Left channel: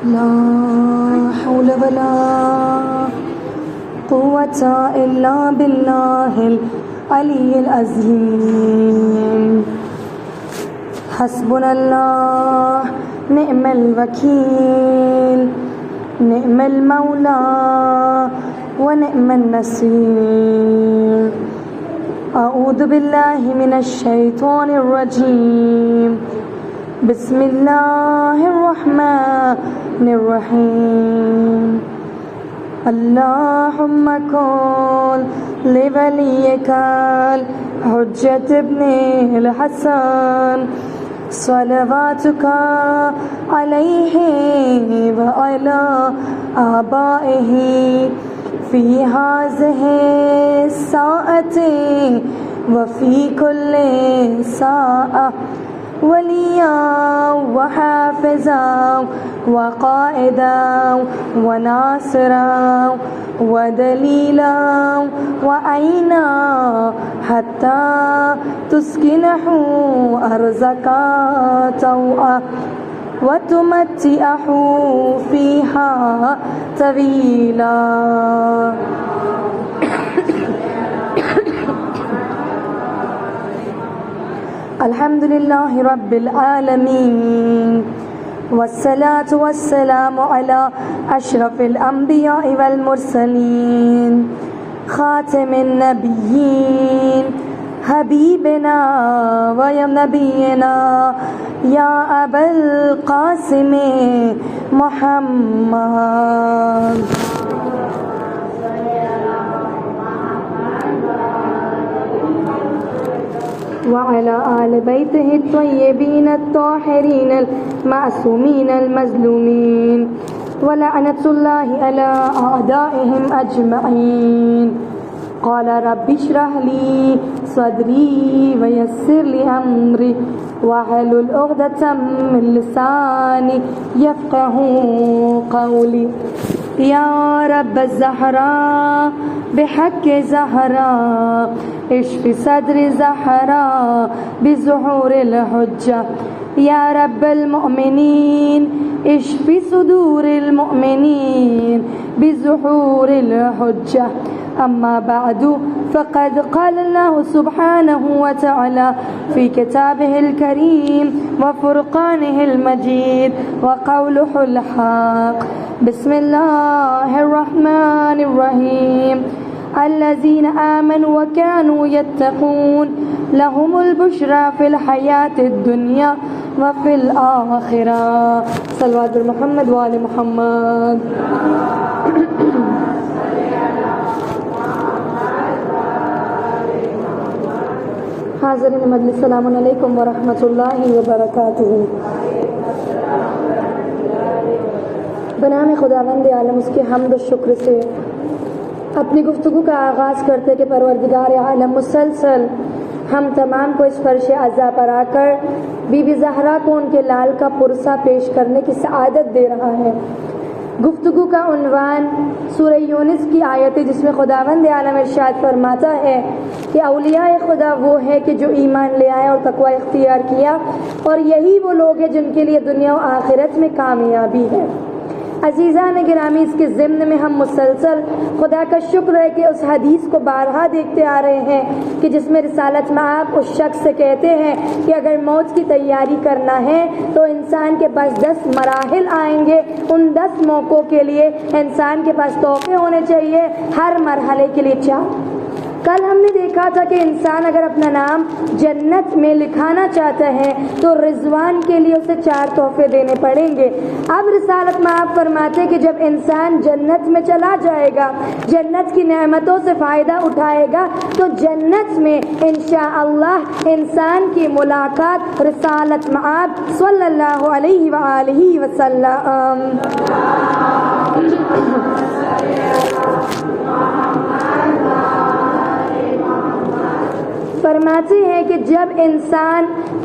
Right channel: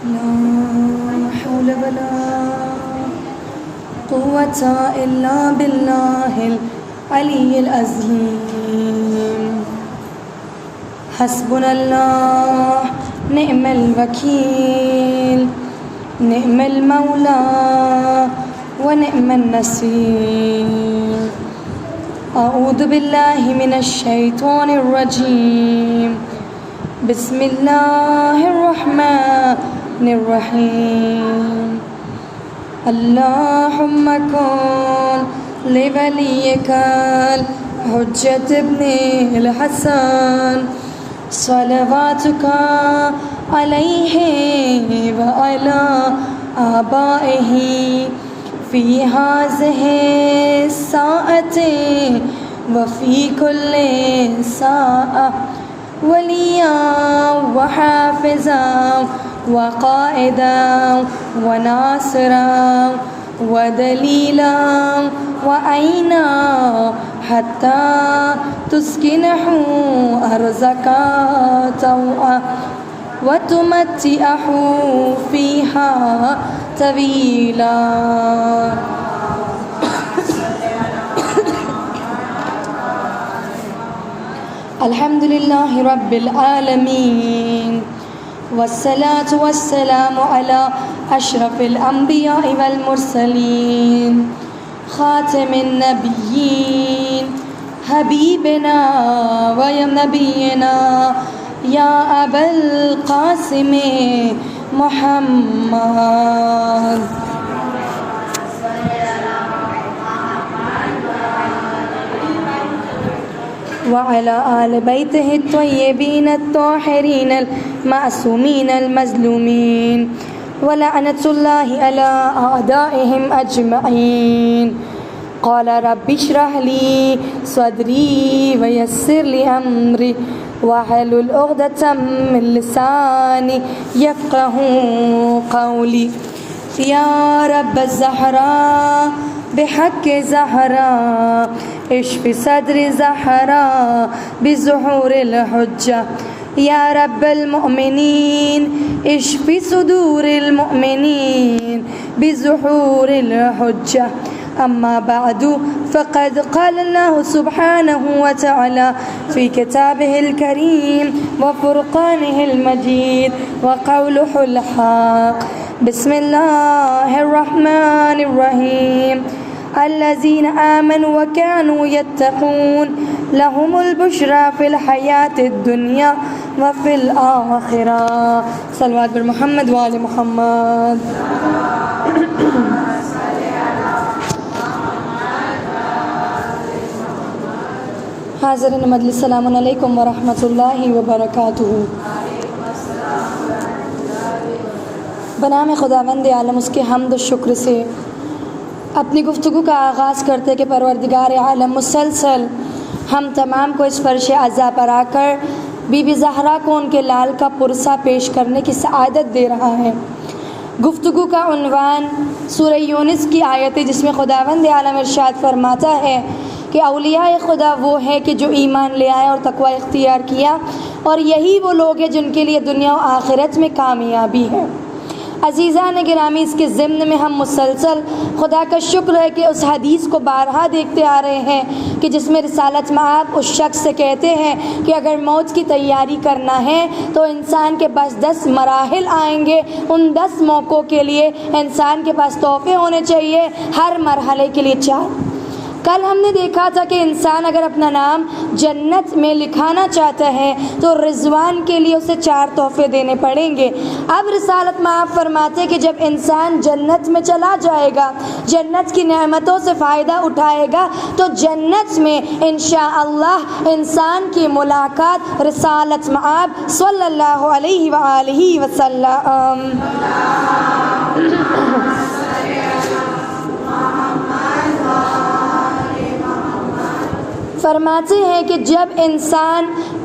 لا حول ولا قوة إلا بالله العلي العظيم حسبنا الله نعم الوكيل نعم المولى ونعم النصير أعوذ بالله من الشيطان الرجيم بسم الله الرحمن الرحيم اللهم كن لوليك الحجة ابن الحسن صلواتك عليه وعلى آبائه في هذه الساعة وفي كل ساعة وليا وحافظا وقائدا وناصرا ودليلا وعينا حتى تسكنه أرزك طوعا وتمتعه فيها طويلا. الحمد لله رب العالمين والصلاة والسلام على أشرف الأنبياء والمرسلين خاتم النبيين حبيبنا ونبينا يا أبا القاسم محمد وعلى آل بيته الطيبين الطاهرين المعصومين المظلومين ولعنة الله على أعدائهم أجمعين. قال رب اشرح لي صدري ويسر لي أمري واحلل عقدة من لساني يفقهوا قولي. يا رب الزهراء بحق زهراء اشف صدر زهراء بظهور الحجة. يا رب المؤمنين اشف صدور المؤمنين بظهور الحجة. أما بعد فقد قال الله سبحانه وتعالى في كتابه الكريم وفرقانه المجيد وقوله الحق. بسم الله الرحمن الرحيم. الذين آمنوا وكانوا يتقون لهم البشرى في الحياة الدنيا وفي الآخرة. صلوات محمد وآل محمد. حاضرین مجلس السلام علیکم ورحمۃ اللہ وبرکاتہ. بنام خداوند عالم اس کے حمد و شکر سے اپنی گفتگو کا آغاز کرتے کہ پروردگار عالم مسلسل ہم تمام کو اس فرش عزا پر آ کر بی بی زہرا کو ان کے لال کا پرسہ پیش کرنے کی سعادت دے رہا ہے. گفتگو کا عنوان سورہ یونس کی آیت ہے جس میں خداوند عالم ارشاد فرماتا ہے کہ اولیاء خدا وہ ہے کہ جو ایمان لے آئے اور تقوی اختیار کیا اور یہی وہ لوگ ہیں جن کے لیے دنیا و آخرت میں کامیابی ہے. عزیزان گرامی اس کے ضمن میں ہم مسلسل خدا کا شکر ہے کہ اس حدیث کو بارہا دیکھتے آ رہے ہیں کہ جس میں رسالت مآب اس شخص سے کہتے ہیں کہ اگر موت کی تیاری کرنا ہے تو انسان کے پاس 10 مراحل آئیں گے. ان 10 موقعوں کے لیے انسان کے پاس توقع ہونے چاہیے، ہر مرحلے کے لیے 4. کل ہم نے دیکھا تھا کہ انسان اگر اپنا نام جنت میں لکھانا چاہتا ہے تو رضوان کے لیے اسے 4 تحفے دینے پڑیں گے. اب رسالت مآب فرماتے کہ جب انسان جنت میں چلا جائے گا، جنت کی نعمتوں سے فائدہ اٹھائے گا، تو جنت میں انشاءاللہ انسان کی ملاقات رسالت مآب صلی اللہ علیہ وآلہ وسلم. فرماتے ہیں کہ جب انسان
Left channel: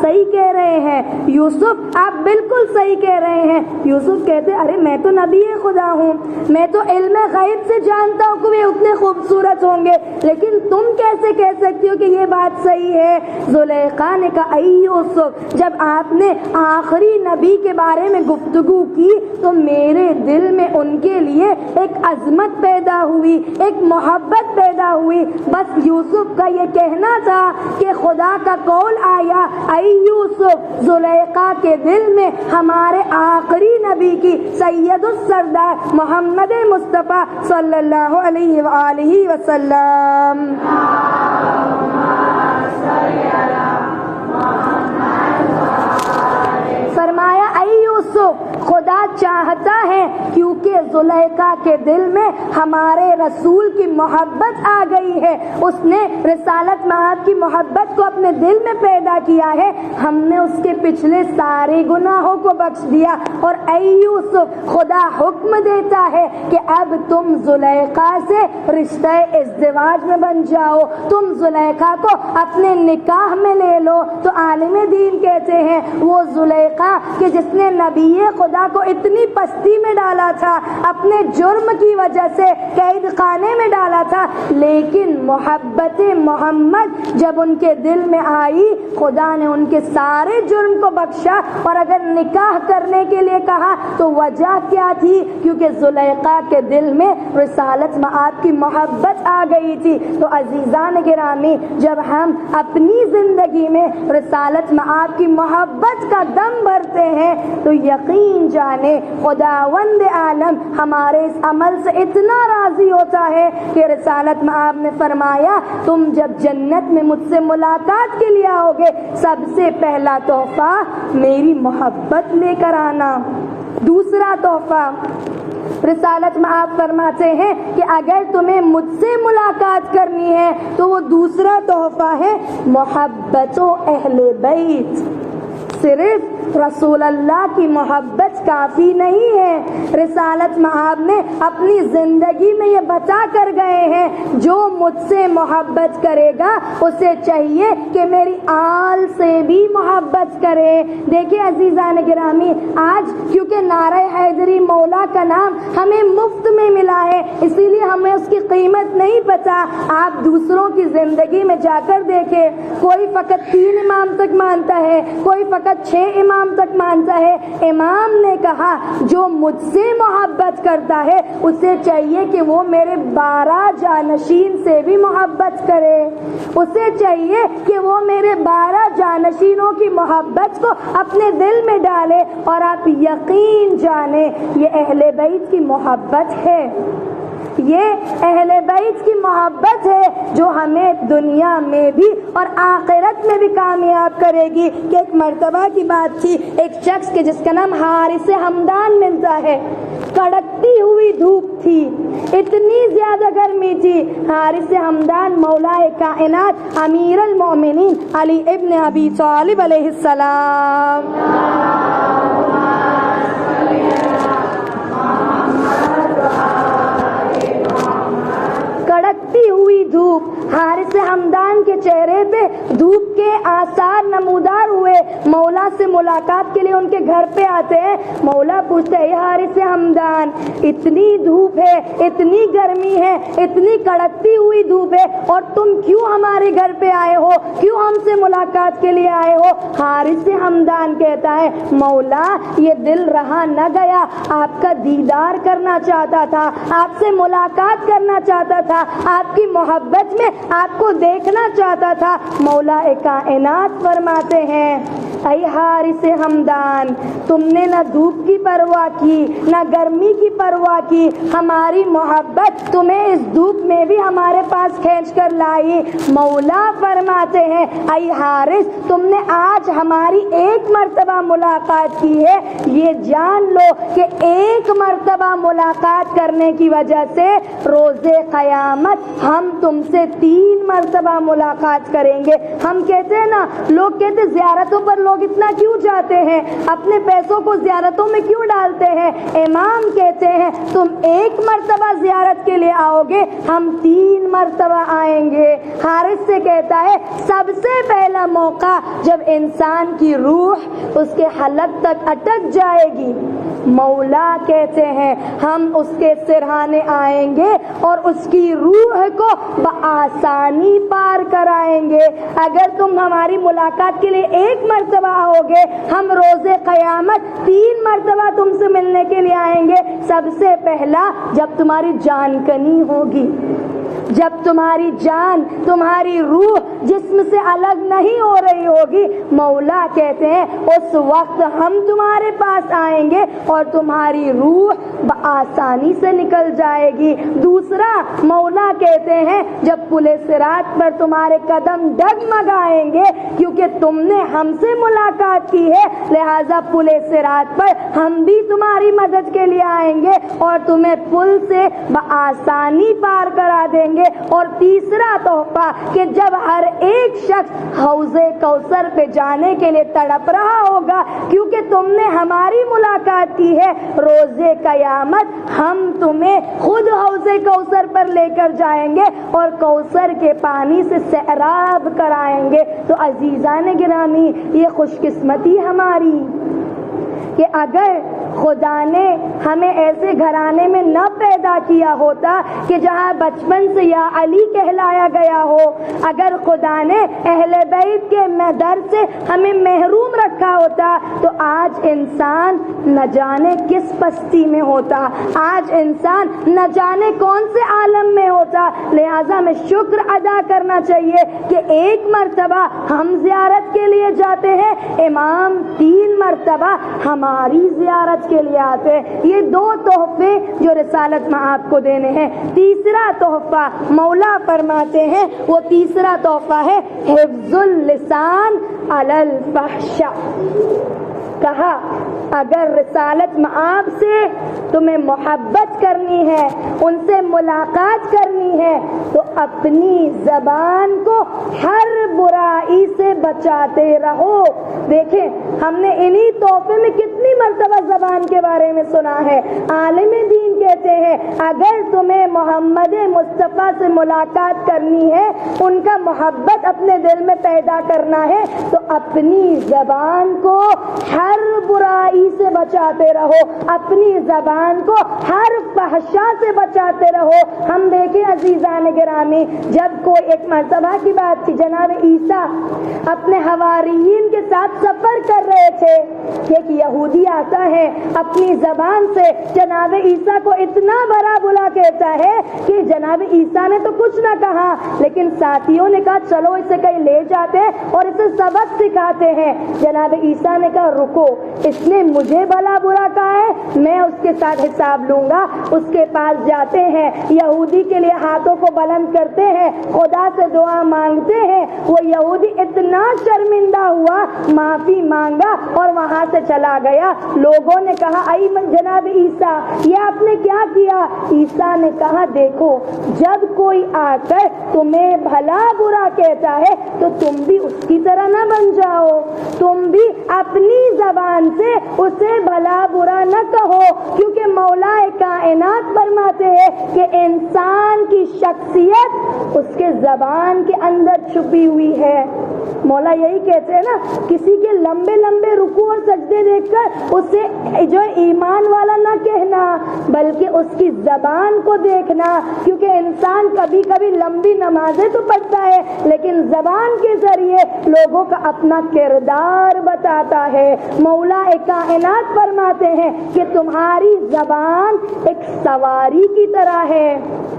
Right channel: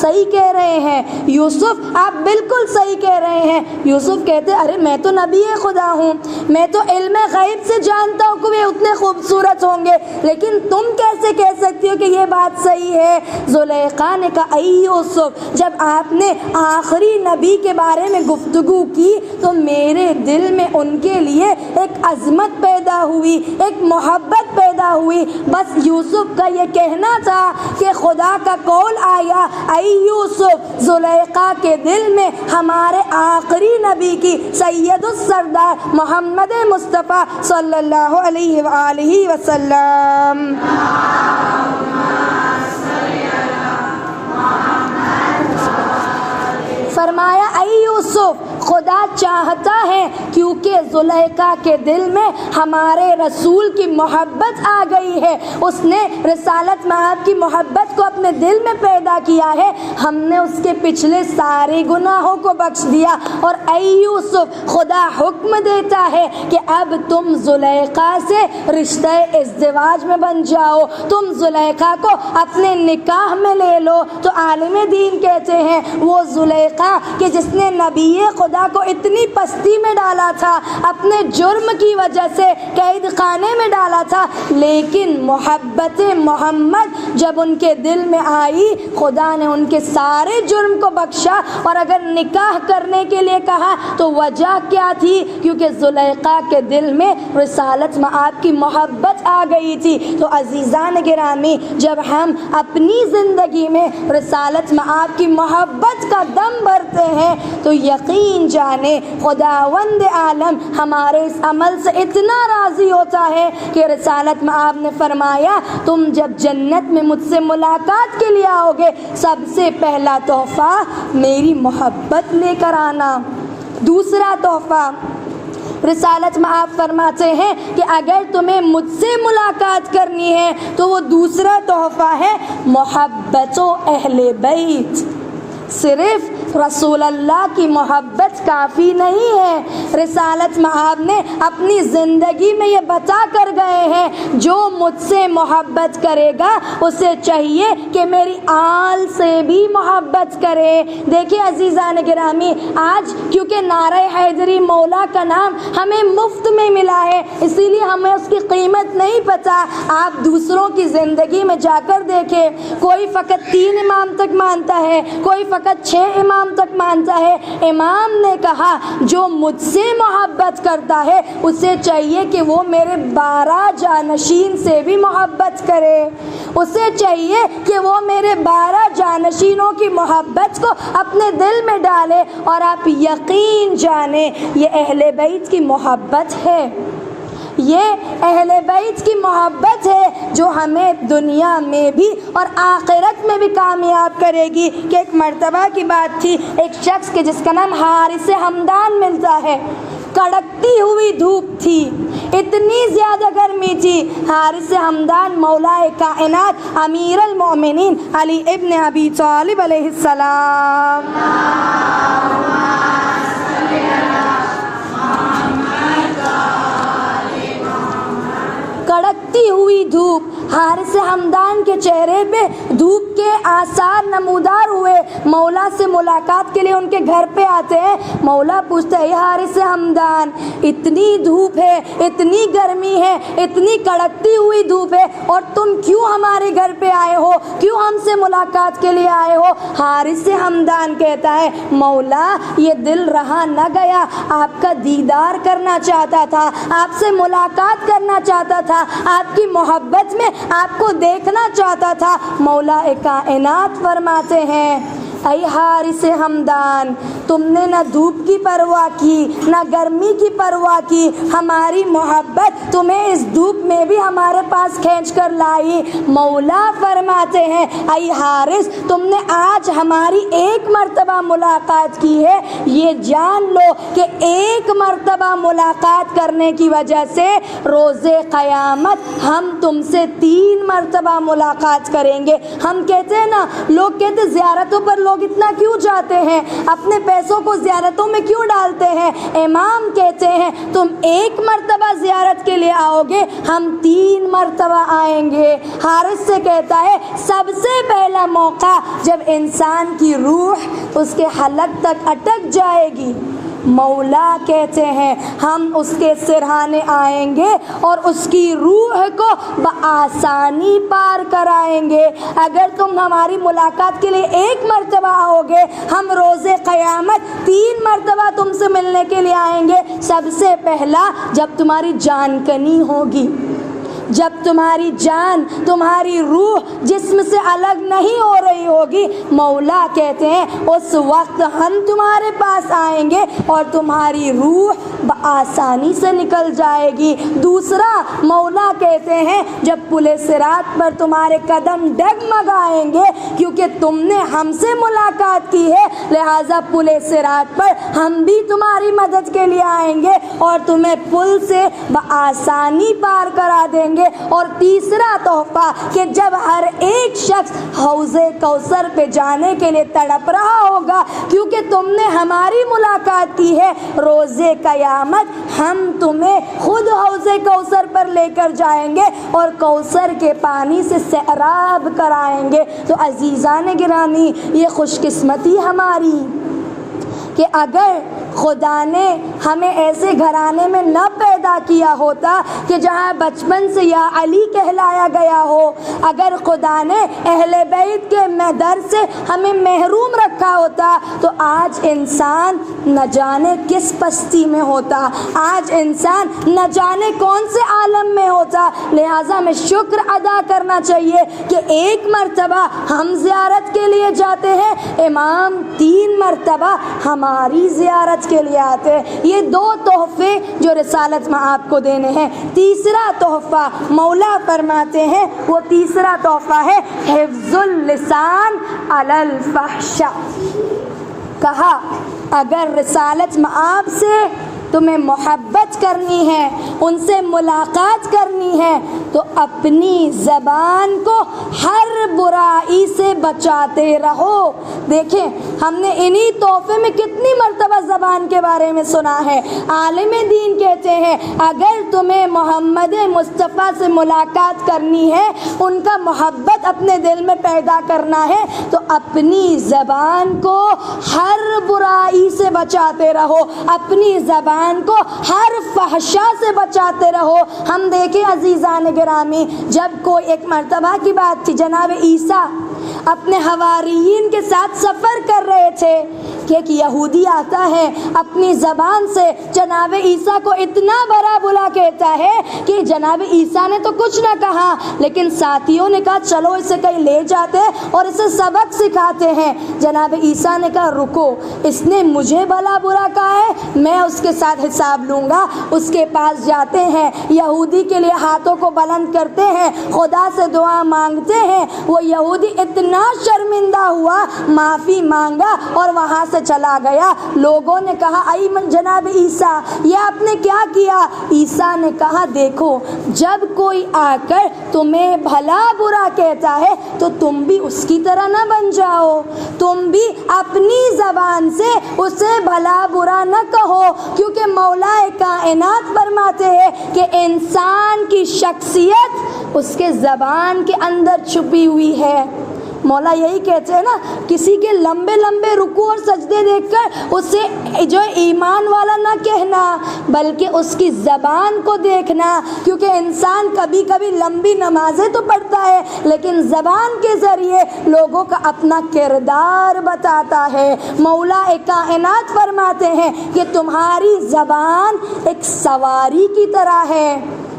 صحیح کہہ رہے ہیں یوسف، آپ بالکل صحیح کہہ رہے ہیں۔ یوسف کہتے ارے میں تو نبی خدا ہوں، میں تو علم غیب سے جانتا ہوں کہ وہ اتنے خوبصورت ہوں گے، لیکن تم کیسے کہہ سکتی ہو کہ یہ بات صحیح ہے؟ زلیخا نے کہا اے یوسف، جب آپ نے آخری نبی کے بارے میں گفتگو کی تو میرے دل میں ان کے لیے ایک عظمت پیدا ہوئی، ایک محبت پیدا ہوئی۔ بس یوسف کا یہ کہنا تھا کہ خدا کا قول آیا اے یوسف، زلیخا کے دل میں ہمارے آخری نبی کی سید السردار محمد مصطفیٰ صلی اللہ علیہ وآلہ وسلم فرمایا اے یوسف، خدا چاہتا ہے کیونکہ زلیخا کے دل میں ہمارے رسول کی محبت آ گئی ہے، اس نے رسالت مآب کی محبت کو اپنے دل میں پیدا کیا ہے، ہم نے اس کے پچھلے سارے گناہوں کو بخش دیا۔ اور اے یوسف، خدا حکم دیتا ہے کہ اب تم زلیخا سے رشتہ ازدواج میں بن جاؤ، تم زلیخا کو اپنے نکاح میں لے لو۔ تو عالم دین کہتے ہیں وہ زلیخا کہ جس نے نبی خدا کو اتنی پستی میں ڈالا تھا، اپنے جرم کی وجہ سے قید خانے میں ڈالا تھا، لیکن محبت محمد جب ان کے دل میں آئی، خدا نے ان کے سارے جرم کو بخشا۔ اور اگر نکاح کرنے کے لیے کہا تو وجہ کیا تھی؟ کیونکہ زلیخا کے دل میں رسالت مآب کی محبت آ گئی تھی۔ تو عزیزان گرامی، جب ہم اپنی زندگی میں رسالت مآب کی محبت کا دم بھرتے ہیں تو یقین جانے خداوند عالم ہمارے اس عمل سے اتنا راضی ہوتا ہے کہ رسالت مآب نے فرمایا تم جب جنت میں مجھ سے ملاقات کے لیے آؤ گے، سب سے پہلا تحفہ میری محبت لے کر آنا۔ دوسرا تحفہ رسالت مآب فرماتے ہیں کہ اگر تمہیں مجھ سے ملاقات کرنی ہے تو وہ دوسرا تحفہ ہے محبت و اہل بیت۔ صرف رسول اللہ کی محبت کافی نہیں ہے، رسالت مآب نے اپنی زندگی میں یہ بتا کر گئے ہیں جو مجھ سے محبت کرے گا اسے چاہیے کہ میری آل سے بھی محبت کرے۔ دیکھیں عزیزان گرامی، آج کیونکہ نعرہ حیدری مولا کا نام ہمیں مفت میں ملا ہے، اسی لیے ہمیں اس کی قیمت نہیں پتہ۔ آپ دوسروں کی زندگی میں جا کر دیکھیں، کوئی فقط 3 امام تک مانتا ہے، کوئی فقط 6 امام تک مانتا ہے۔ امام نے کہا جو مجھ سے محبت کرتا ہے اسے چاہیے کہ وہ میرے 12 جانشین سے بھی محبت کرے، اسے چاہیے کہ وہ میرے 12 جانشینوں کی محبت کو اپنے دل میں ڈالے۔ اور آپ یقین جانیں یہ اہل بیت کی محبت ہے، یہ اہل بیت کی محبت ہے جو ہمیں دنیا میں بھی اور آخرت میں بھی کامیاب کرے گی۔ کہ ایک مرتبہ کی بات تھی، ایک شخص کے جس کا نام حارث ہمدان ملتا ہے، کڑکتی ہوئی دھوپ تھی، اتنی زیادہ گرمی تھی، حارث ہمدان مولا کائنات امیر المومنین علی ابن ابی طالب علیہ السلام کڑکتی ہوئی دھوپ، حارث ہمدان کے چہرے پہ دھوپ کے آثار نمودار ہوئے۔ مولا سے ملاقات کے لیے ان کے گھر پہ آتے ہیں، مولا پوچھتے ہیں حارث ہمدان اتنی دھوپ ہے، اتنی گرمی ہے، اتنی کڑکتی ہوئی دھوپ ہے اور تم کیوں ہمارے گھر پہ آئے ہو، کیوں ہم سے ملاقات کے لیے آئے ہو؟ حارث ہمدان کہتا ہے مولا یہ دل رہا نہ گیا، آپ کا دیدار کرنا چاہتا تھا، آپ سے ملاقات کرنا چاہتا تھا، آپ کی محبت میں آپ کو دیکھنا چاہتا تھا۔ مولا کائنات فرماتے ہیں اے حارث ہمدان، تم نے نہ دھوپ کی پرواہ کی نہ گرمی کی پرواہ کی، ہماری محبت تمہیں اس دھوپ میں بھی ہمارے پاس کھینچ کر لائی۔ مولا فرماتے ہیں اے حارث تم نے آج ہماری ایک مرتبہ ملاقات کی ہے، یہ جان لو کہ ایک مرتبہ ملاقات کرنے کی وجہ سے روز قیامت ہم تم سے 3 مرتبہ ملاقات کریں گے۔ ہم کہتے ہیں نا، لوگ کہتے زیارتوں پر لوگ اتنا کیوں جاتے ہیں، اپنے پیسوں کو زیارتوں میں کیوں ڈالتے ہیں؟ امام کہتے ہیں تم ایک مرتبہ زیارت کے لیے آؤ گے، ہم ہم 3 مرتبہ آئیں گے۔ حارث سے کہتا ہے سب سے پہلا موقع جب انسان کی روح اس کے حلق تک اٹک جائے گی، مولا کہتے ہیں ہم اس کے سرہانے آئیں گے اور اس کی روح کو بآسانی پار کرائیں گے۔ اگر تم ہماری ملاقات کے لیے 1 مرتبہ آؤ گے، ہم روز قیامت 3 مرتبہ تم سے ملنے کے لیے آئیں گے۔ سب سے پہلا جب تمہاری جان کنی ہوگی، جب تمہاری جان، تمہاری روح جسم سے الگ نہیں ہو رہی ہوگی، مولا کہتے ہیں اس وقت ہم تمہارے پاس آئیں گے اور تمہاری روح بآسانی سے نکل جائے گی۔ دوسرا، مولا کہتے ہیں جب پل صراط پر تمہارے قدم ڈگمگائیں گے کیونکہ تم نے ہم سے ملاقات کی ہے، لہٰذا پل صراط پر ہم بھی تمہاری مدد کے لیے آئیں گے اور تمہیں پل سے بآسانی پار کرا دیں گے۔ اور تیسرا تحفہ کہ جب ہر ایک شخص حوض کوثر پہ جانے کے لیے تڑپ رہا ہوگا کیونکہ تم نے ہماری ملاقات کی ہے، روز قیامت ہم تمہیں خود حوض کوثر پر لے کر جائیں گے اور کوثر کے پانی سے سیراب کرائیں گے۔ تو عزیزان گرامی، یہ خوش قسمتی ہماری کہ اگر خدا نے ہمیں ایسے گھرانے میں نہ پیدا کیا ہوتا کہ جہاں بچپن سے یا علی کہلایا گیا ہو، اگر خدا نے اہل بیت کے در سے ہمیں محروم رکھا ہوتا تو آج انسان نہ جانے کس پستی میں ہوتا، آج انسان نہ جانے کون سے عالم میں ہوتا۔ لہٰذا ہمیں شکر ادا کرنا چاہیے کہ 1 مرتبہ ہم زیارت کے لیے جاتے ہیں، امام 3 مرتبہ ہماری زیارت کے لیے آتے ہیں۔ یہ 2 تحفے جو رسالت میں آپ کو دینے ہیں۔ تیسرا تحفہ مولا فرماتے ہیں، وہ تیسرا تحفہ ہے حفظ اللسان علی الفحش۔ کہا اگر رسالت میں آپ سے تمہیں محبت کرنی ہے، ان سے ملاقات کرنی ہے تو اپنی زبان کو ہر برائی سے بچاتے رہو۔ دیکھیں ہم نے انہی تحفے میں کتنی مرتبہ زبان کے بارے میں سنا ہے۔ عالم دین کہتے ہیں اگر تمہیں محمد مصطفیٰ سے ملاقات کرنی ہے، ان کا محبت اپنے دل میں پیدا کرنا ہے تو اپنی زبان کو ہر برائی سے بچاتے رہو، اپنی زبان کو ہر فحشا سے بچاتے رہو۔ ہم دیکھیں عزیزان گرامی، جب کوئی ایک مرتبہ کی بات تھی، جناب عیسیٰ اپنے حواریین کے ساتھ سفر کر رہے تھے کہ ایک یہودی آتا ہے، اپنی زبان سے جناب عیسیٰ کو اتنا برا بلا کہتا ہے کہ جناب عیسیٰ نے تو کچھ نہ کہا، لیکن ساتھیوں نے کہا چلو اسے کہیں لے جاتے اور اسے سبق سکھاتے ہیں۔ جناب عیسیٰ نے کہا رکو، اس نے مجھے بھلا برا کہا ہے، میں اس کے ساتھ حساب لوں گا۔ اس کے پاس جاتے ہیں، یہودی کے لیے ہاتھوں کو بلند کرتے ہیں، خدا سے دعا مانگتے ہیں۔ وہ یہودی اتنا شرمندہ ہوا، معافی مانگا اور وہاں سے چلا گیا۔ لوگوں نے کہا ائی جناب عیسیٰ یہ آپ نے کیا کیا؟ عیسیٰ نے کہا دیکھو، جب کوئی آ کر تمہیں بھلا برا کہتا ہے تو تم بھی اس کی طرح نہ بن جاؤ، تم بھی اپنی زبان سے اسے بھلا برا نہ کہو، کیونکہ مولا کائنات فرماتے ہیں کہ انسان کی شخصیت اس کے زبان کے اندر چھپی ہوئی ہے۔ مولا یہی کہتے ہیں نا، کسی کے لمبے لمبے رکوع اور سجدے دیکھ کر اسے جو ایمان والا نہ کہنا، بلکہ اس کی زبان کو دیکھنا، کیونکہ انسان کبھی کبھی لمبی نمازیں تو پڑھتا ہے لیکن زبان کے ذریعے لوگوں کا اپنا کردار بتاتا ہے۔ مولا کائنات فرماتے ہیں کہ تمہاری زبان ایک سواری کی طرح ہے۔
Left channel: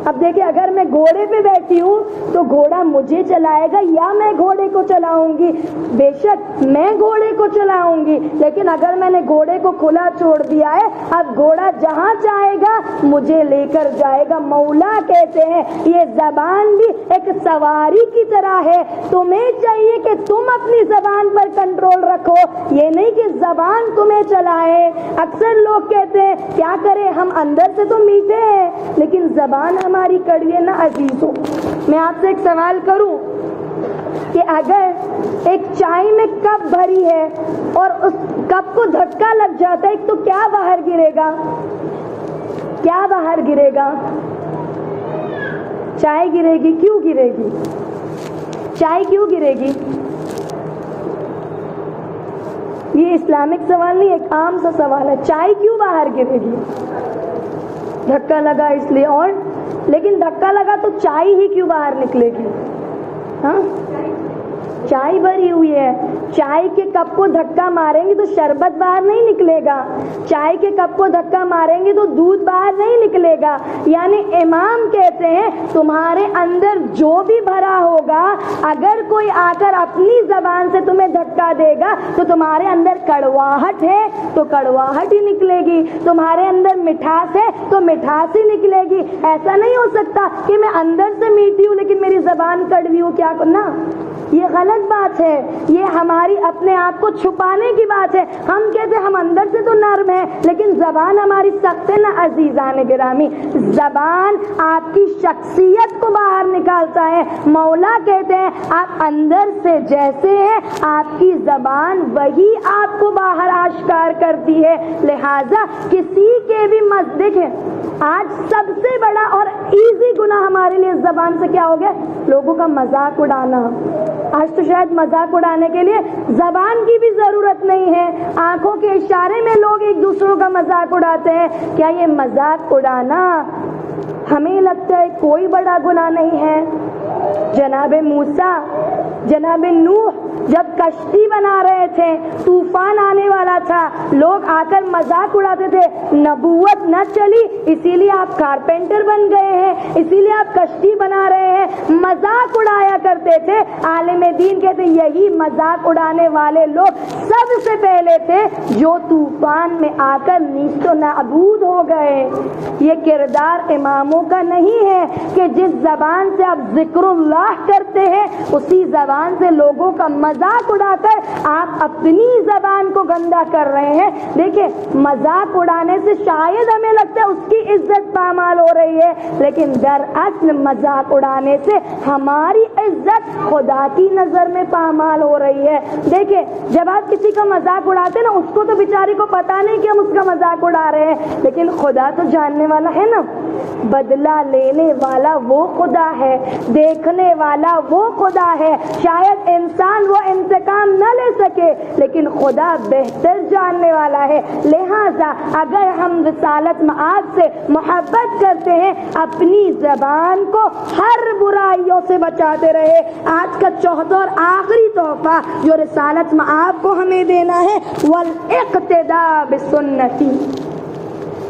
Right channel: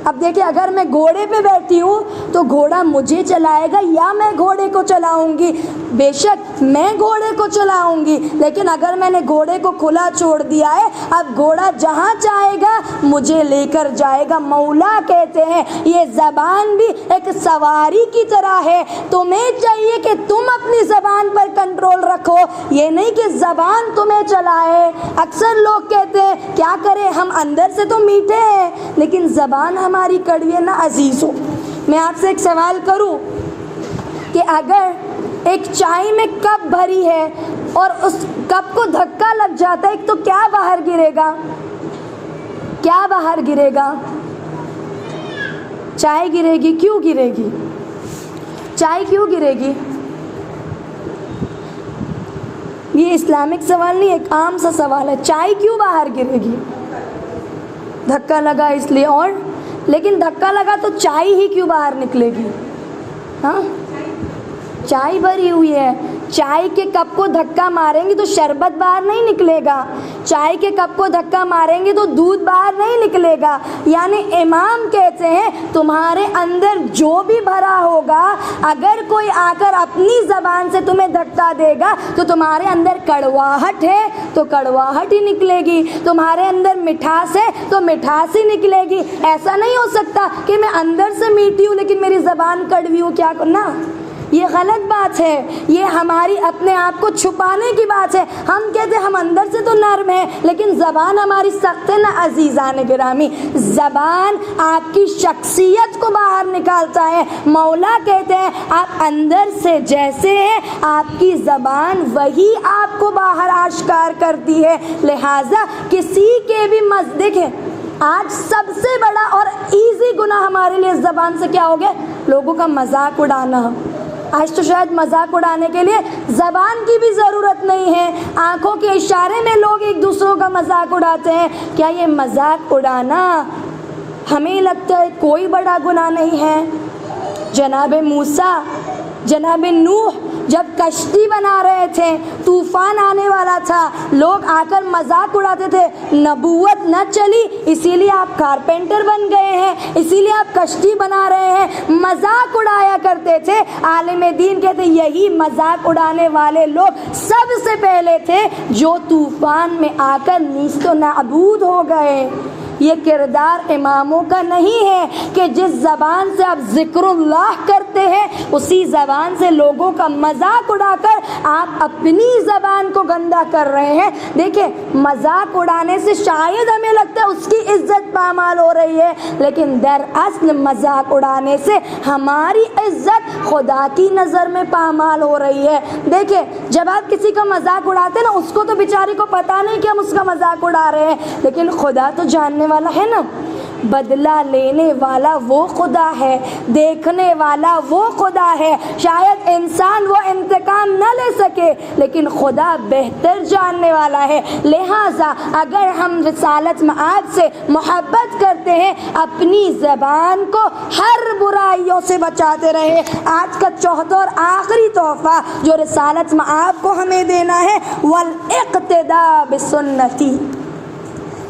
اب دیکھیں اگر میں گھوڑے پہ بیٹھی ہوں تو گھوڑا مجھے چلائے گا یا میں گھوڑے کو چلاؤں گی؟ بے شک میں گھوڑے کو چلاؤں گی، لیکن اگر میں نے گھوڑے کو کھلا چھوڑ دیا ہے، اب گھوڑا جہاں چاہے گا مجھے لے کر جائے گا۔ مولا کہتے ہیں یہ زبان بھی ایک سواری کی طرح ہے، تمہیں چاہیے کہ تم اپنی زبان پر کنٹرول رکھو، یہ نہیں کہ زبان تمہیں چلائے۔ اکثر لوگ کہتے ہیں کیا کریں ہم اندر سے تو میٹھے ہیں لیکن زبان ہماری کڑوی ہے نا۔ عزیزوں میں آپ سے ایک سوال کروں کہ اگر ایک چائے میں کپ بھری ہے اور اس کپ کو دھکا لگ جاتا ہے تو کیا باہر گرے گا؟ کیا باہر گرے گا؟ چائے گرے گی، کیوں گرے گی؟ چائے کیوں گرے گی؟ یہ اسلامک سوال نہیں، ایک عام سا سوال ہے، چائے کیوں باہر گرے گی؟ دھکا لگا اس لیے، اور لیکن دھکا لگا تو چائے ہی کیوں باہر نکلے گی؟ ہاں، چائے بھری ہوئی ہے، چائے کے کپ کو دھکا ماریں گے تو شربت باہر نہیں نکلے گا، چائے کے کپ کو دھکا ماریں گے تو دودھ باہر نہیں نکلے گا۔ یعنی امام کہتے ہیں تمہارے اندر جو بھی بھرا ہوگا، اگر کوئی آ کر اپنی زبان سے تمہیں دھکا دے گا تو تمہارے اندر کڑواہٹ ہے تو کڑواہٹ ہی نکلے گی، تمہارے اندر مٹھاس ہے تو مٹھاس ہی نکلے گی۔ ایسا نہیں ہو سکتا کہ میں اندر سے میٹھی ہوں لیکن میری زبان کڑوی ہو، کیا کرنا؟ یہ غلط بات ہے، یہ ہماری اپنے آپ کو چھپانے کی بات ہے۔ ہم کہتے ہیں ہم اندر سے تو نرم ہیں لیکن زبان ہماری سخت ہے نا عزیزان گرامی۔ زبان آپ کی شخصیت کو باہر نکالتا ہے۔ مولا کہتے ہیں آپ اندر سے جیسے ہیں آپ کی زبان وہی آپ کو باہر آشکار کرتی ہے۔ لہٰذا کسی کے بھی دیکھیں، آج سب سے بڑا اور ایزی گناہ ہمارے لیے زبان سے کیا ہو گیا؟ لوگوں کا مذاق اڑانا۔ آج تو شاید مذاق اڑانے کے لیے زبان کی بھی ضرورت نہیں ہے، آنکھوں کے اشارے میں لوگ ایک دوسروں کا مذاق اڑاتے ہیں۔ کیا یہ مذاق اڑانا ہمیں لگتا ہے کوئی بڑا گناہ نہیں ہے؟ جناب موسیٰ، جناب نوح جب کشتی بنا رہے تھے، طوفان آنے والا تھا، لوگ آ کر مذاق اڑاتے تھے، نبوت نہ چلی اسی لیے آپ کارپینٹر بن گئے ہیں، اسی لیے آپ کشتی بنا رہے ہیں، مذاق اڑایا کرتے تھے۔ عالم دین کہتے یہی مذاق اڑانے والے لوگ سب سے پہلے تھے جو طوفان میں آ کر نیست و نابود ہو گئے۔ یہ کردار اماموں کا نہیں ہے کہ جس زبان سے آپ ذکر اللہ کرتے ہیں اسی زبان سے لوگوں کا مذاق اڑا کر آپ اپنی زبان کو گندا کر رہے ہیں۔ دیکھیں، مذاق اڑانے سے شاید ہمیں لگتا ہے اس کی عزت پامال ہو رہی ہے، لیکن دراصل مذاق اڑانے سے ہماری عزت خدا کی نظر میں پامال ہو رہی ہے۔ دیکھیں، جب آپ کسی کا مذاق اڑاتے ہیں نا، اس کو تو بیچاری کو پتا نہیں کہ ہم اس کا مذاق اڑا رہے ہیں، لیکن خدا تو جاننے والا ہے نا۔ بدلہ لینے والا وہ خدا ہے، دیکھنے والا وہ خدا ہے۔ شاید انسان وہ انتقام نہ لے سکے لیکن خدا بہتر جاننے والا ہے۔ لہٰذا اگر ہم رسالت مآب سے محبت کرتے ہیں، اپنی زبان کو ہر برائیوں سے بچاتے رہے۔ آج کا چوتھا اور آخری تحفہ جو رسالت مآب کو ہمیں دینا ہے، والاقتداء بسنتی،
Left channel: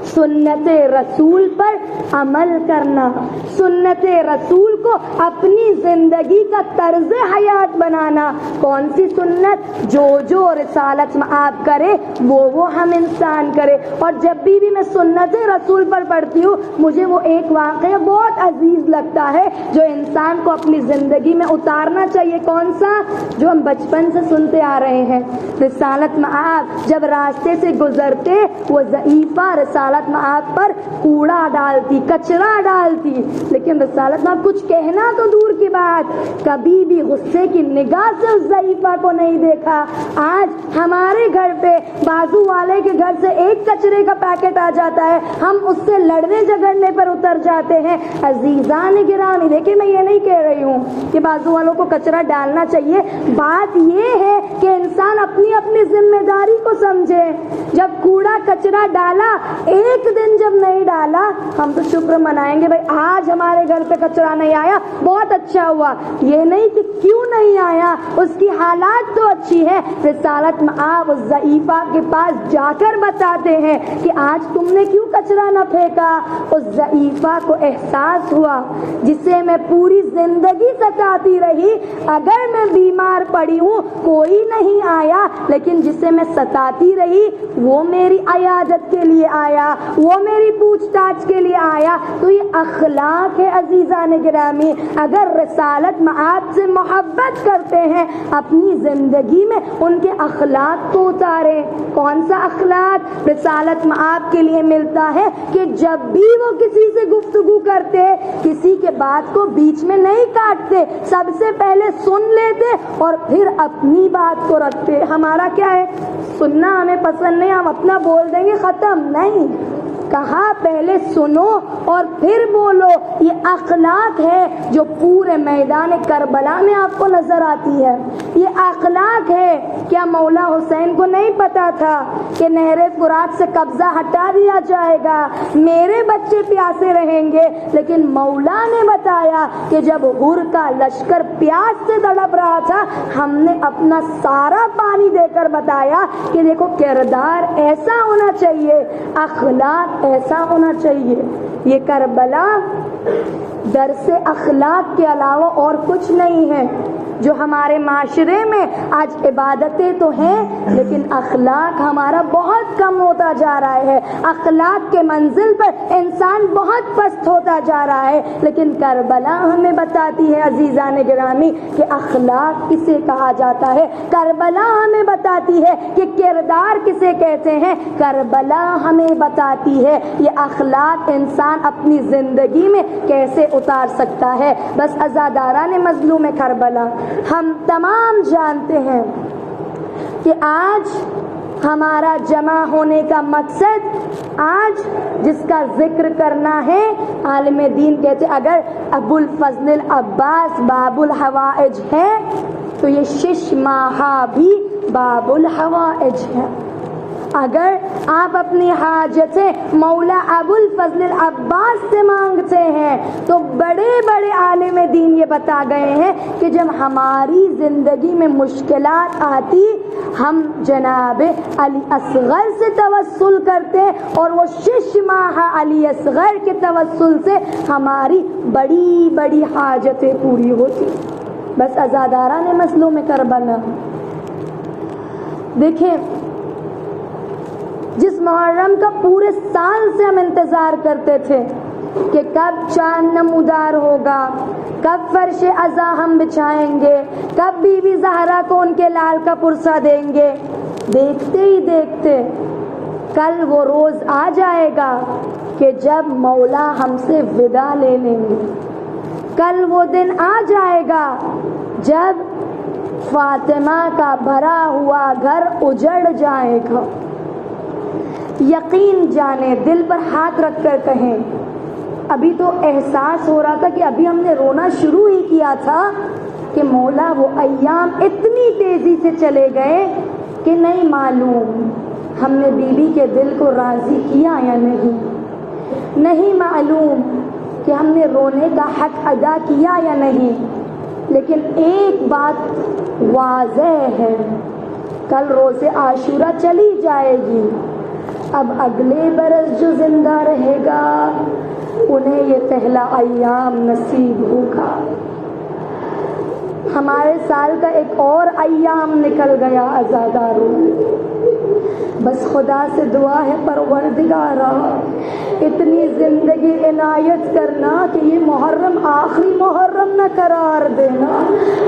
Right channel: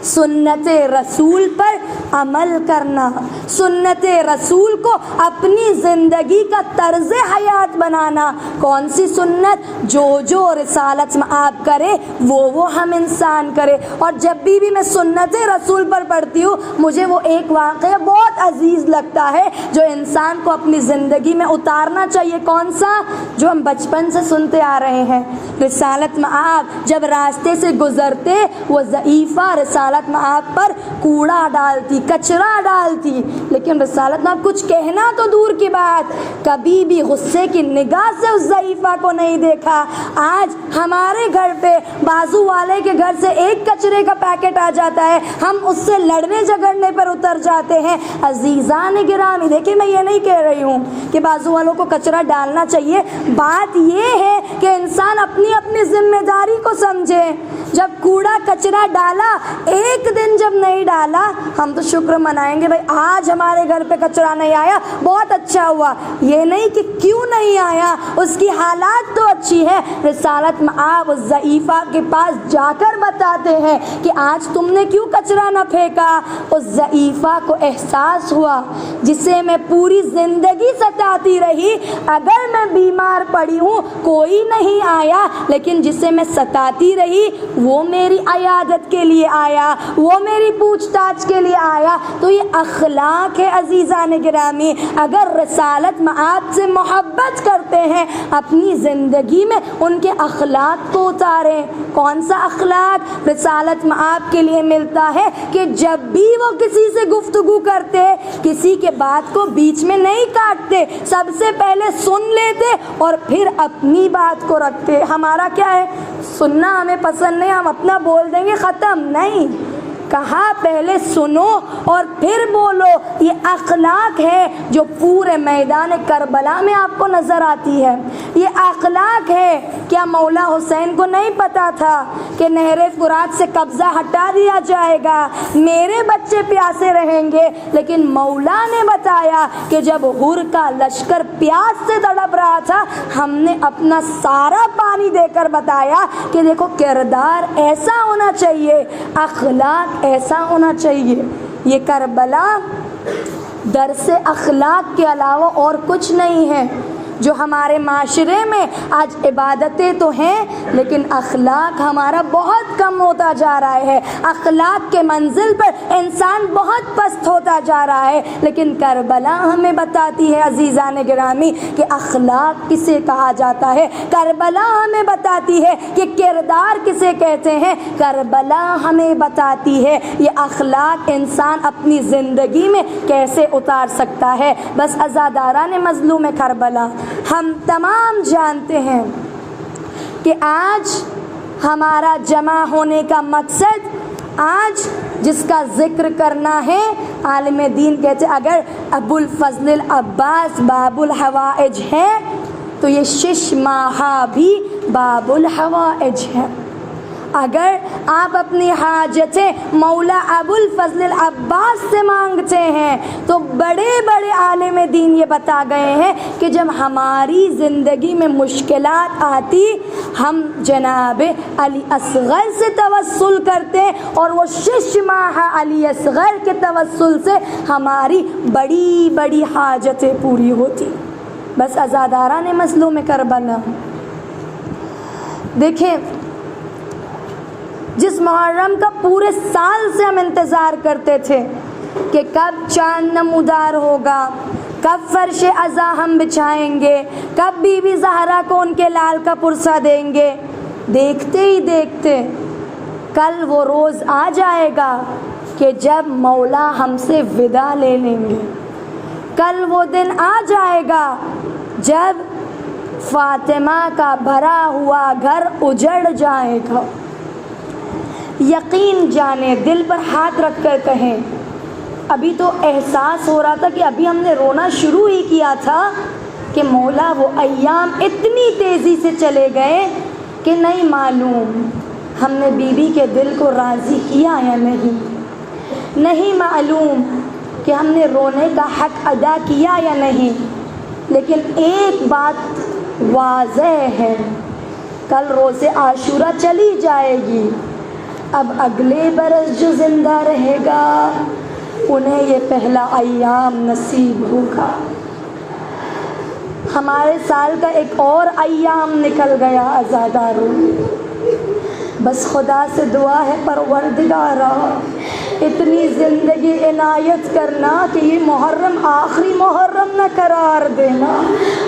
سنت رسول پر عمل کرنا، سنت رسول کو اپنی زندگی کا طرز حیات بنانا۔ کون سی سنت؟ جو رسالت مآب کرے وہ ہم انسان کرے۔ اور جب بھی میں سنت رسول پر پڑھتی ہوں، مجھے وہ ایک واقعہ بہت عزیز لگتا ہے جو انسان کو اپنی زندگی میں اتارنا چاہیے۔ کون سا؟ جو ہم بچپن سے سنتے آ رہے ہیں۔ رسالت مآب جب راستے سے گزرتے، وہ ضعیفہ رسالت مآب پر کوڑا ڈالتی، کچرا ڈالتی، لیکن رسالت مآب کچھ کہنا تو دور کی بات، کبھی بھی غصے کی نگاہ سے اس ضعیفہ کو نہیں دیکھا۔ آج ہمارے گھر پہ بازو والے کے گھر سے ایک کچرے کا پیکٹ آ جاتا ہے، ہم اس سے لڑنے جھگڑنے پر اتر جاتے ہیں۔ عزیزان گرامی، دیکھیں میں یہ نہیں کہہ رہی ہوں کہ بازو والوں کو کچرا ڈالنا چاہیے، بات یہ ہے کہ انسان اپنی اپنی ذمہ داری کو سمجھے۔ جب کوڑا کچرا ڈالا، ایک دن جب نہیں ڈالا، ہم تو شکر منائیں گے، بھائی آج ہمارے گھر پہ کچرا نہیں آیا، بہت اچھا ہوا۔ یہ نہیں کہ کیوں نہیں آیا، اس کی حالات تو اچھی ہے۔ رسالت مآب ضعیفہ کے پاس جا کر بتاتے ہیں کہ آج تم نے کیوں کچرا نہ پھینکا۔ اس ضعیفہ کو احساس ہوا جسے میں پوری زندگی ستاتی رہی، اگر میں بیمار پڑی ہوں کوئی نہیں آیا، لیکن جسے میں ستاتی رہی وہ میری عیادت کے لیے آیا، وہ میری پوچھ تاچھ کے لیے آیا۔ تو یہ اخلاق ہے عزیزان گرامی۔ اگر رسالت مآب سے محبت کرتے ہیں، اپنی زندگی میں ان کے اخلاق کو اتاریں۔ کون سا اخلاق رسالت مآب کے لیے ملتا ہے؟ کہ جب بھی وہ کسی سے گفتگو کرتے، کسی کے بات کو بیچ میں نہیں کاٹتے، سب سے پہلے سن لیتے اور پھر اپنی بات کو رکھتے۔ ہمارا کیا ہے؟ سننا ہمیں پسند نہیں، ہم اپنا بول دیں گے، ختم نہیں۔ کہا پہلے سنو اور پھر بولو. یہ اخلاق ہے جو پورے میدان کربلا میں آپ کو نظر آتی ہے. یہ اخلاق ہے. کیا مولا حسین کو نہیں پتا تھا کہ نہر فرات سے قبضہ ہٹا دیا جائے گا, میرے بچے پیاسے رہیں گے؟ لیکن مولا نے بتایا کہ جب حور کا لشکر پیاس سے تڑپ رہا تھا, ہم نے اپنا سارا پانی دے کر بتایا کہ دیکھو کردار ایسا ہونا چاہیے, اخلاق ایسا ہونا چاہیے. یہ کربلا درس اخلاق کے علاوہ اور کچھ نہیں ہے. جو ہمارے معاشرے میں آج عبادتیں تو ہیں لیکن اخلاق ہمارا بہت کم ہوتا جا رہا ہے. اخلاق کے منزل پر انسان بہت پست ہوتا جا رہا ہے. لیکن کربلا ہمیں بتاتی ہے عزیزان گرامی کہ اخلاق کسے کہا جاتا ہے. کربلا ہمیں بتاتی ہے کہ کردار کسے کہتے ہیں. کربلا ہمیں بتاتی ہے یہ اخلاق انسان اپنی زندگی میں کیسے اتار سکتا ہے. بس عزاداران مظلوم کربلا, ہم تمام جانتے ہیں کہ آج ہمارا جمع ہونے کا مقصد, آج جس کا ذکر کرنا ہے, عالم دین کہتے اگر ابو الفضل العباس باب الحوائج ہے تو یہ شش ماہا بھی باب الحوائج ہے. اگر آپ اپنی حاجتیں مولا ابو الفضل العباس سے مانگتے ہیں تو بڑے بڑے عالم دین یہ بتا گئے ہیں کہ جب ہماری زندگی میں مشکلات آتی ہم جناب علی اصغر سے توسل کرتے اور وہ شش ماہ علی اصغر کے توسل سے ہماری بڑی بڑی حاجتیں پوری ہوتی. بس عزاداران مظلوم کربلا دیکھیں, جس محرم کا پورے سال سے ہم انتظار کرتے تھے کہ کب چاند نمودار ہوگا, کب فرش عزا ہم بچھائیں گے, کب بی بی زہرا کو ان کے لال کا پرسہ دیں گے, دیکھتے ہی دیکھتے کل وہ روز آ جائے گا کہ جب مولا ہم سے ودا لے لیں گے. کل وہ دن آ جائے گا جب فاطمہ کا بھرا ہوا گھر اجڑ جائے گا. یقین جانے, دل پر ہاتھ رکھ کر کہیں, ابھی تو احساس ہو رہا تھا کہ ابھی ہم نے رونا شروع ہی کیا تھا کہ مولا وہ ایام اتنی تیزی سے چلے گئے کہ نہیں معلوم ہم نے بی بی کے دل کو راضی کیا یا نہیں, نہیں معلوم کہ ہم نے رونے کا حق ادا کیا یا نہیں. لیکن ایک بات واضح ہے, کل روز عاشورہ چلی جائے گی, اب اگلے برس جو زندہ رہے گا انہیں یہ پہلا ایام نصیب ہوگا. ہمارے سال کا ایک اور ایام نکل گیا عزاداروں. بس خدا سے دعا ہے پروردگارا اتنی زندگی عنایت کرنا کہ یہ محرم آخری محرم نہ قرار دینا,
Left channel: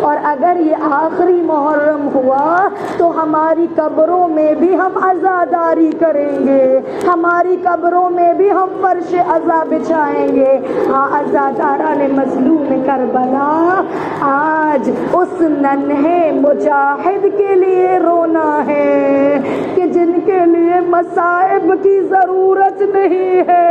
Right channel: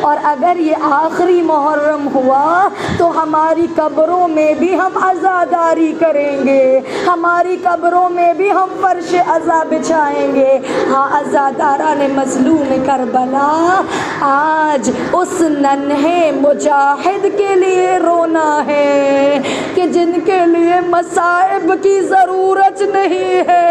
اور اگر یہ آخری محرم ہوا تو ہماری قبروں میں بھی ہم عزاداری کریں گے, ہماری قبروں میں بھی ہم فرش عزا بچھائیں گے. ہاں عزاداران مظلوم کربلا, آج اس ننھے مجاہد کے لیے رونا ہے کہ جن کے لیے مصائب کی ضرورت نہیں ہے.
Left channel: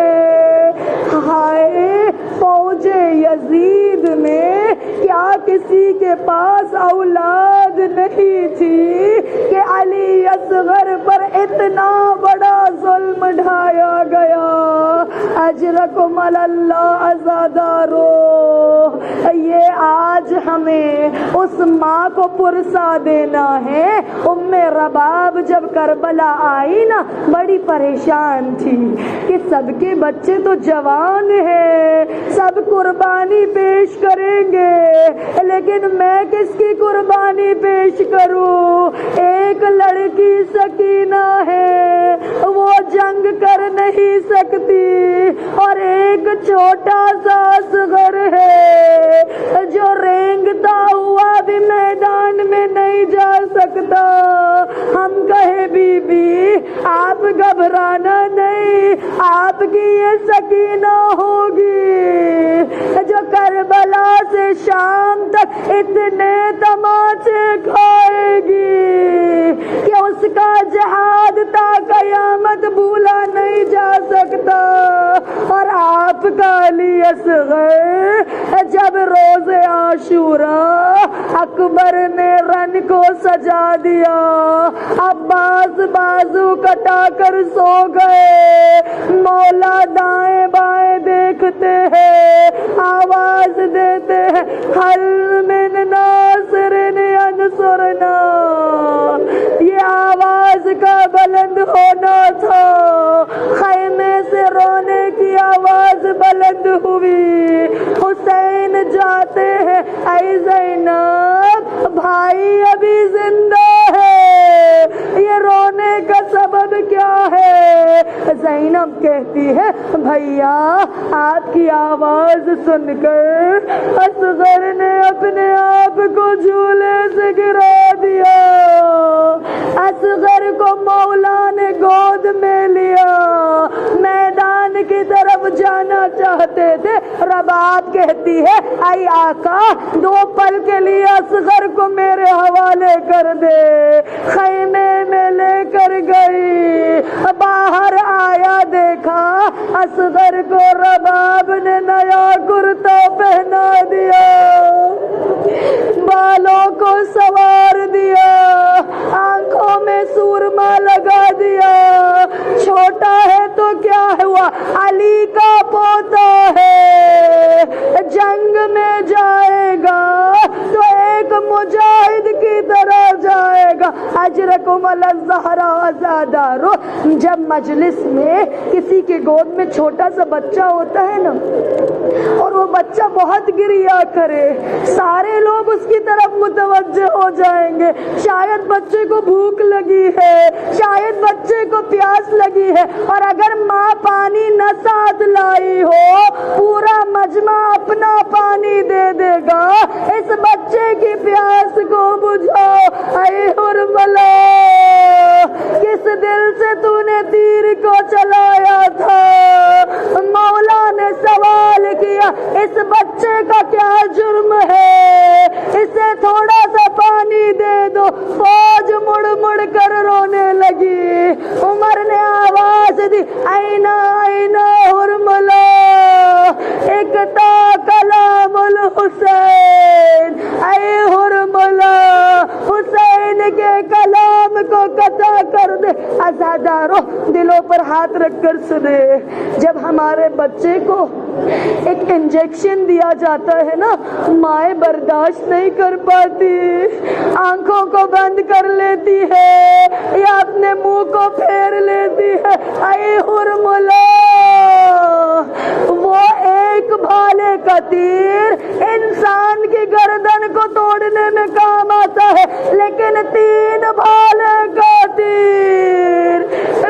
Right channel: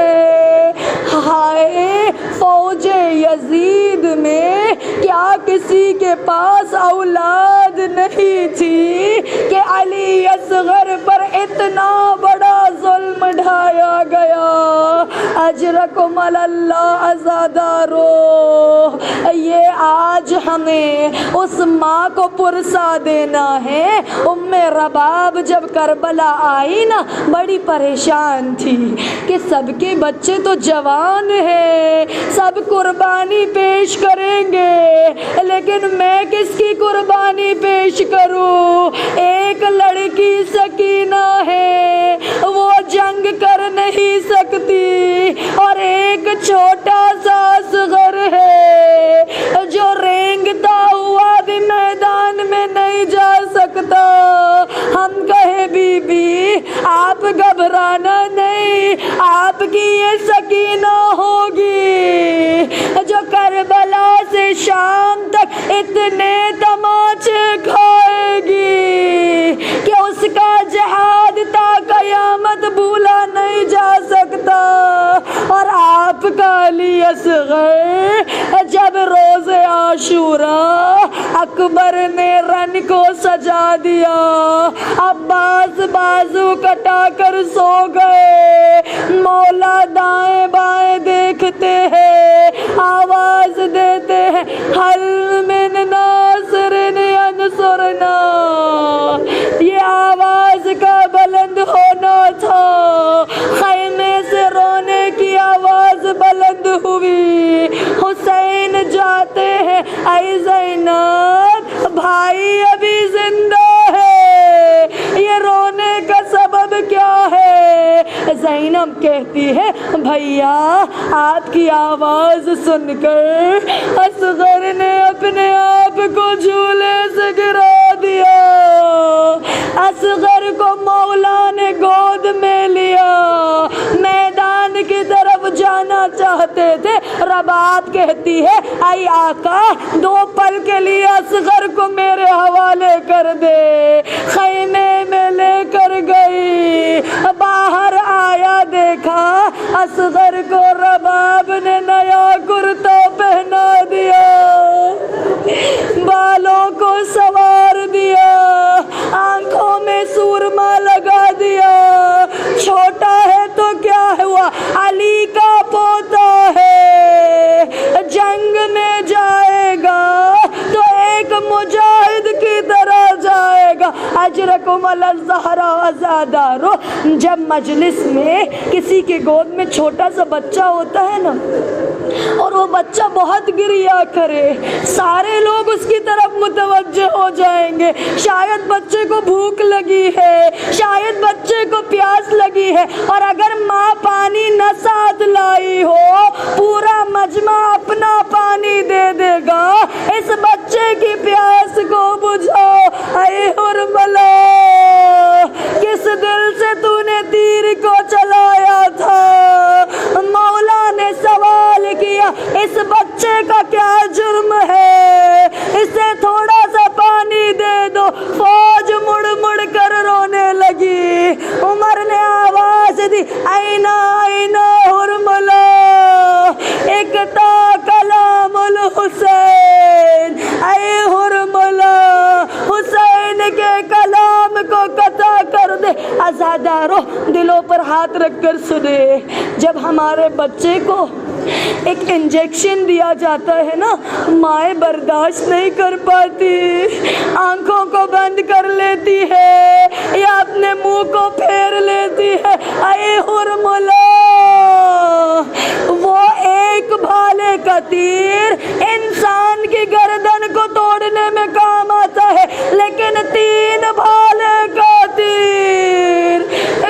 ہائے فوج یزید میں کیا کسی کے پاس اولاد نہیں تھی کہ علی اصغر پر اتنا بڑا ظلم ڈھایا گیا. اجرکم اللہ عزادارو, یہ آج ہمیں اس ماں کو پرسا دینا ہے. ام رباب جب کربلا آئی نا بڑی پریشان تھی کہ سب کے بچے تو جوان ہیں, سب قربانی پیش کریں گے, لیکن میں کس کی قربانی پیش کروں؟ ایک لڑکی سکینہ ہے وہ جنگ کر نہیں سکتی, اور ایک چھوٹا سا اصغر ہے جو رینگتا ہوا بھی میدان میں نہیں جا سکتا. ہم کہے بی بی آپ گھبرانا نہیں, آپ کی یہ سکینہ ہوگی جو کربلا سے شام تک اتنے تماچے کھائے گی کہ اس کا جہاد تا قیامت بھولا نہیں جا سکتا. دیا. عباس بازو کٹا کر سو گئے. مولا دائیں بائیں دیکھتے ہیں, آواز دیتے ہیں حل من ناصر ینصرنا. یہ آواز کا بلند ہونا تھا. خیمے سے رونے کی آواز بلند ہوئی. حسین جاتے ہیں, اے زینب بھائی ابھی زندہ ہے, یہ رونے کا سبب کیا ہے؟ زینب کہتی ہے بھیا آپ کی آواز سن کر اصغر نے اپنے آپ کو جھولے سے گرا دیا. اصغر کو مولا نے گود میں لیا. میدان کی طرف جانا چاہتے تھے. رباب کہتی ہے اے آقا 2 پل کے لیے اصغر کو میرے حوالے کر دے. خیمے میں لے کر گئی. باہر آیا, دیکھا اصغر کو رباب نے نیا کرتا پہنا دیا, بالوں کو سوار دیا, آنکھوں میں سورما لگا دیا. چھوٹا ہے تو کیا ہوا, علی کا پوتا ہے. جنگ میں جائے گا تو ایک مجاہد کی طرح جائے گا. اجرکم الزہرا ازادارو. جب مجلس میں کسی کے گود میں چھوٹا سا بچہ ہوتا ہے نا, اور وہ بچہ بہت گریا کرے, سارے لوگ اس کی طرف متوجہ ہو جائیں گے. شاید بچے کو بھوک لگی ہے, شاید بچے کو پیاس لگی ہے, اور اگر ماں پانی نہ ساتھ لائی ہو پورا مجمع اپنا پانی دے دے گا. اس بچے کی پیاس کو بجھاؤ. اے حرملہ کس دل سے تو نے تیر کو چلایا تھا؟ مولا نے سوال کیا اس بچے کا کیا جرم ہے, اسے تھوڑا سا پانی دے دو. فوج مڑ مڑ کر رونے لگی. عمر نے آواز دی اینا اینا حرملہ اکتا کلام الحسین. اے حرملہ حسین کے کلام کو قطع کر دے. عزادارو دلوں پر ہاتھ رکھ کر سنے, جب ہمارے بچے کو ایک انجیکشن دیا جاتا ہے نا, مائیں برداشت نہیں کر پاتی, آنکھوں کو بند کر لیتی ہے یا اپنے منہ کو پھیر لیتی ہے. اے حرملہ وہ ایک بھالے کا تیر انسان کی گردن کو توڑنے میں کام آتا ہے, لیکن 3 بھالے کا تیر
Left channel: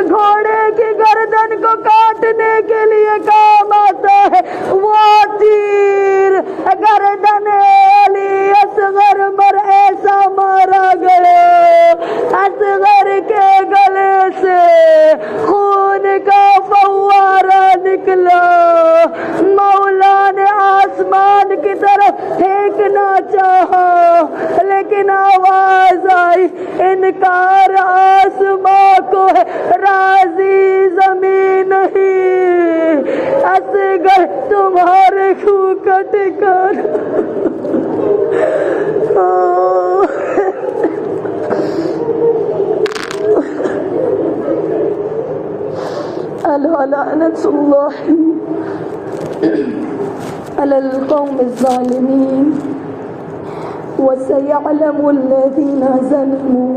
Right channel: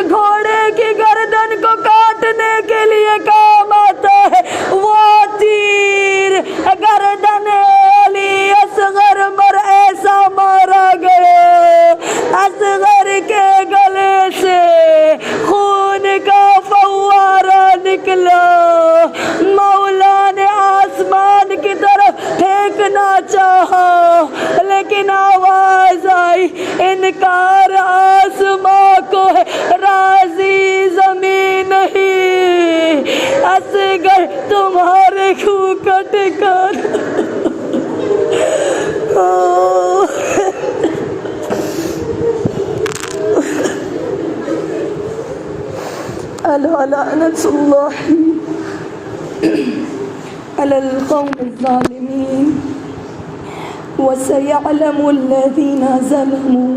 گھوڑے کی گردن کو کاٹنے کے لیے کام آتا ہے. وہ تیر گردن علی اصغر مر ایسا مارا گیا, اصغر کے گلے سے خون کا فوارہ نکلا. مولا نے آسمان کی طرف پھینکنا چاہا, لیکن آواز آئی انکار آسمان کو ہے, راضی زمین نہیں. اصغر تمہارے خون کا ٹھکانا. الا لعنت اللہ علی القوم الظالمین وسيعلم الذين ظلموا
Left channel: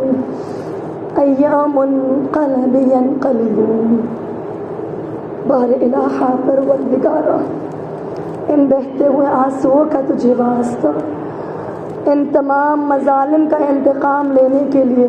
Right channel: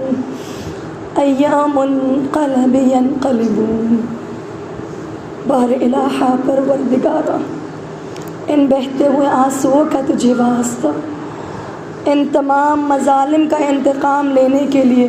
أيام انقلب ينقلبون. بار الہا پروردگارا ان بہتے ہوئے آنسوؤں کا تجھے واسطہ, ان تمام مظالم کا انتقام لینے کے لیے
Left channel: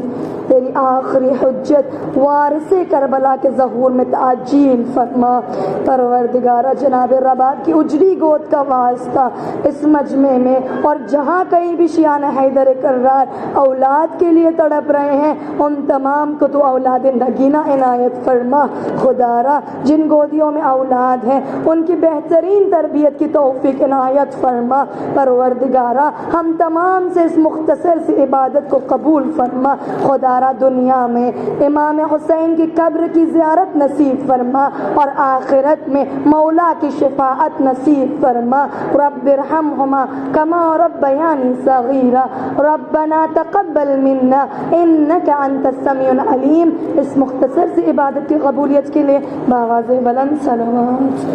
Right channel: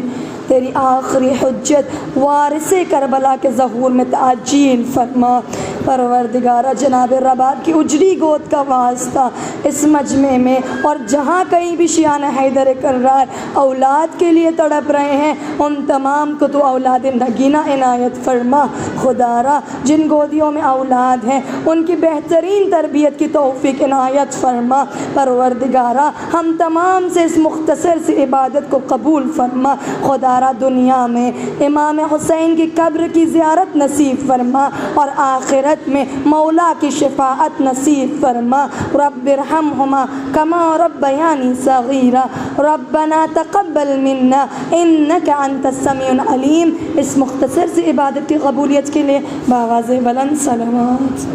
تیری آخری حجت وارث کربلا کے ظہور میں تعجیل فرما. پروردگارہ جناب رباب کی اجڑی گود کا واسطہ اس مجمع میں اور جہاں کہیں بھی شیعان حیدر کرار اولاد کے لیے تڑپ رہے ہیں, ان تمام کو تو اولاد نگینہ عنایت فرما. خدا را جن گودیوں میں اولاد ہیں ان کی بہترین تربیت کی توفیق عنایت فرما. پروردگارہ ہم تمام سے اس مختصر سی عبادت کو قبول فرما. خدا دوبارہ دنیا میں امام حسین کی قبر کی زیارت نصیب فرما اور آخرت میں مولا کی شفاعت نصیب فرما. رب ارحمہما کما ربیانی صغیرا. ربنا تقبل منا انک انت السمیع العلیم. اس مختصر سی عبادت کی قبولیت کے لیے باغاز بلند صلوات.